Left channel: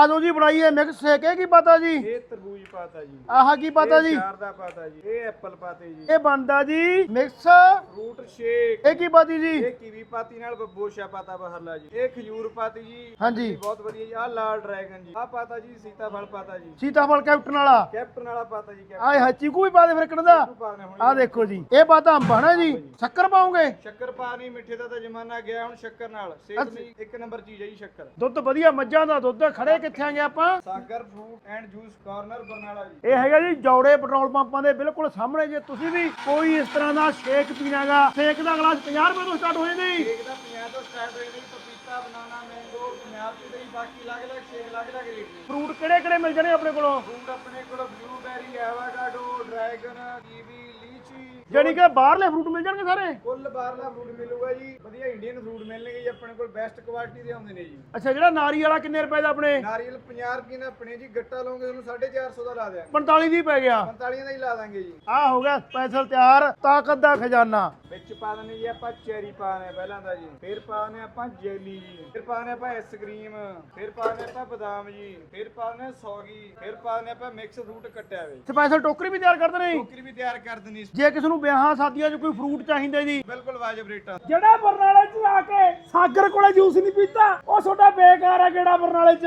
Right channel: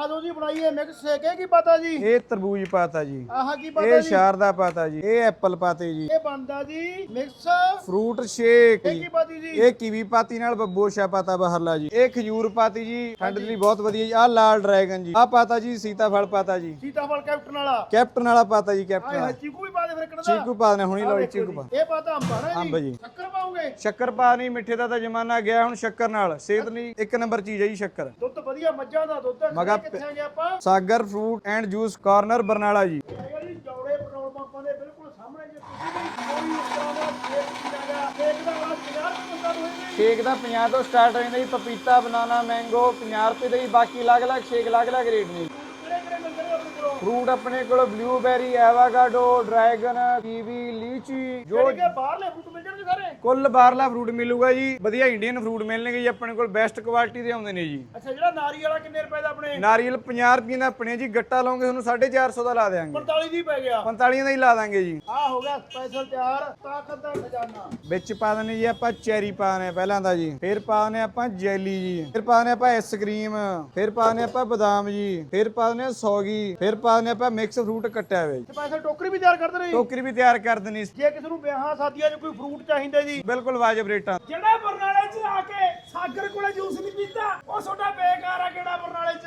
ਆ ਜਾਓ ਜੀ ਬਣਾਈਏ ਮਿਕਸ ਸ਼ੇਕ ਇਹ ਕੀ ਪਤਾ ਜੀ? ਇਹ ਤਰਬੂਜ ਪਾਤਾ ਜੀ। ਆਹ ਕੀ ਪਤਾ ਇਹ ਜੀ? ਸ਼ਾਰਦਾ ਪਾਤਾ ਜੀ ਇਹ ਐਪਲ ਪਾਤੇ ਜੀ। ਇਹ ਬਣਦਾ ਜੀ ਮਿਕਸ। ਫਰੂਟ ਸ਼ੇਕ ਇਹ ਕੀ ਪਾਤੀ ਜੀ? ਇਹ ਕੀਵੀ ਪਾਤੀ ਨਾਲ ਬੱਬੋਸ਼ਾ ਪਾਤਾ ਬਾਹਰਲਾ ਜੀ। ਇਹ ਖਜੂਰ ਪਾਤੀ ਜੀ ਹਾਂਜੀ। ਬਹੁਤ ਵਧੀਆ ਜੀ। ਆਹ ਲਾਲ ਡਰੈਗਨ ਜੀ। ਆਹ ਪਾਤਾ ਜੀ ਸੀਤਾਫਲ ਪਾਤਾ ਜੀ। ਸੀਤਾਫਲ ਕੈਪਟਨ ਵਾਲਾ। ਕੈਪਟਨ ਵਾਲਾ ਪਾਤਾ ਜੀ ਆਏ ਕੈਪਟਨ ਹਾਂ ਚੀਕੂ ਵੀ ਪਾ ਦੇ ਫਿਰ ਕਿਹੜਾ ਚੀਕੂ ਪਾ ਦੇਣਾ ਹੁਣੀ ਆ ਦੇਖੋ ਚੀਕੂ ਜੀ ਪਾ। ਇਹ ਪਾਤਾ ਅੰਬਾ ਨਾ ਅੰਬ ਜੀ। ਜੀ। ਸ਼ੱਕਰ ਪਾਉਂਗੇ ਸ਼ੱਕਰ ਪਾ ਨਹੀਂ ਮਿੱਠੇ ਦਾ ਤਾਂ ਜ਼ਮਾਨਾ ਗਿਆ ਹੁਣ ਸ਼ੱਕਰ ਨਾਲ। ਸਿਹਤ ਲਈ ਇੱਕ ਨੰਬਰ ਚੀਜ਼ ਹੈ ਜੀ ਸ਼ੱਕਰ। ਦੁੱਧ ਵਧੀਆ ਮੱਝਾਂ ਦਾ ਦੁੱਧ ਖੜੇ ਕਿੱਥੇ ਆਂਗੇ ਆਪਾਂ। Sagar fruit and juice corner Barnala ji. ਇਹ ਹੈਗਾ ਜੀ ਜੌੜੇ ਪੈਟਰੋਲ ਪੰਪਾਂ ਦੇ ਬਿਲਕੁਲ ਸਾਹਮਣੇ ਜੇ ਤੁਸੀਂ ਵੀ ਕੋਈ ਇਸ ਤਰ੍ਹਾਂ ਦਾ ਸ਼ੇਕ ਪੀਣਾਗਾ ਸ਼ੇਕ ਦਾ ਗਲਾਸ 50 ਰੁਪਏ ਤੋਂ ਸਟਾਰਟ ਹੋ ਜਾਂਦਾ ਜੀ ਸ਼ੇਕ ਦਾ 50 ਤੋਂ ਸਟਾਰਟ ਹੋ ਜਾਂਦਾ ਜੀ ਪਪੀਤਾ ਬਨਾਨਾ ਮੈਂਗੋ 50 ਰੁਪਏ ਦਾ ਜੀ ਬਾਕੀ ਅਲੱਗ-ਅਲੱਗ ਸ਼ੇਕ ਅਲੱਗ-ਅਲੱਗ ਰੇਟ ਨੇ ਫਰੂਟ ਕਿਹੜੇ ਕਿਹੜੇ ਮਿਲ ਜਾਣੇ ਆਪਣੇ ਕੋਲੋਂ? ਫਰੂਟ ਆਪਣੇ ਕੋਲ blueberry avocado dragon kiwi lychee ਜਿਹੜੀ ਕਿ ਬਾਹਰਲੇ ਫਰੂਟ ਮਿਲ ਜਾਣਗੇ ਸਾਰੇ? ਕੁੱਲ ਬਾਹਰਲਾ ਫਰੂਟ ਮਿਲੂਗਾ ਜੀ ਵਧੀਆ ਇੰਡੀਅਨ ਫਰੂਟ ਮਿਲਣਗੇ ਜੀ ਆਪਣੇ ਕੋਲ ਬੈਸਟ ਕੁਆਲਿਟੀ ਦੇ ਆਉਂਦੇ ਨੇ ਜੀ। ਅੱਛਾ ਜਿਹੜਾ ਨਾਰੀ ਵਾਲਾ ਕਿੰਨੇ ਰੁਪਏ ਦਾ ਆਪਣੇ? ਨਾਰੀਅਲ 50 ਰੁਪਏ ਦਾ ਆਪਣੇ ਜੀ ਗੱਟਾ ਲਾਉਂਗੇ ਤੁਹਾਨੂੰ 450 ਦਾ ਲਾ ਦੇਾਂਗੇ 45 ਵੀ ਪੈ ਗਿਆ। 45 ਦਾ ਹੀ ਲਾ ਦਾਂਗੇ ਜੀ। ਆ ਹੋ ਗਿਆ ਸਪੈਸ਼ਲ ਤਿਆਰ ਤਾਕਤ ਦਾ ਖਜ਼ਾਨਾ। ਵਿੱਚ ਪਾ ਦਨੇ ਜੀ ਆਪਾਂ ਚੈਰੀ ਪਾ ਦਨੇ ਪਹਿਲਾਂ ਦਾ ਜੀ। ਫਿਰ ਪਾ ਦਨੇ ਆਪਾਂ ਜੈਲੀ ਜੀ। ਫਿਰ ਪਾ ਦਨੇ ਆਪਾਂ ਆਈਸਕ੍ਰੀਮ ਫਿਰ ਪਾ ਦਨੇ ਆਪਾਂ ਬਦਾਮ ਜੀ। ਫਿਰ ਪਾ ਦਨੇ ਸੌਗੀ। ਫਿਰ ਪਾ ਦਨੇ ਆਪਾਂ ਮਿਕਸ ਫਰੂਟ ਕੱਟਿਆ ਹੋਇਆ ਜੀ। ਸਪੈਸ਼ਲ ਟੋਕਰੀ ਵੀ ਤਿਆਰ ਕਰਦੇ ਨੇ। ਟੋਕਰੀ ਵੀ ਤਿਆਰ ਕਰ ਦੇਣੀ ਜੇ। ਕਿਸੇ ਨੂੰ ਵਿਆਹਾਂ ਸ਼ਾਦੀਆਂ 'ਚ ਕੋਈ ਫਰੂਟ ਚਾਹੀਦੇ ਜੀ? ਬਿਲਕੁਲ ਵਾਜਬ ਰੇਟਾਂ ਜਿਹੜਾ ਬਰਨਾਲੇ 'ਚ ਆ ਕੇ ਸਾਗਰ ਕੋਲੇ ਜੂਸ ਨਹੀਂ ਪੀਤਾ ਉਹ ਤੁਹਾਡਾ ਬੇਕਾਰ ਆ ਕਿਹੜਾ ਬਰਨਾਲੇ 'ਚ।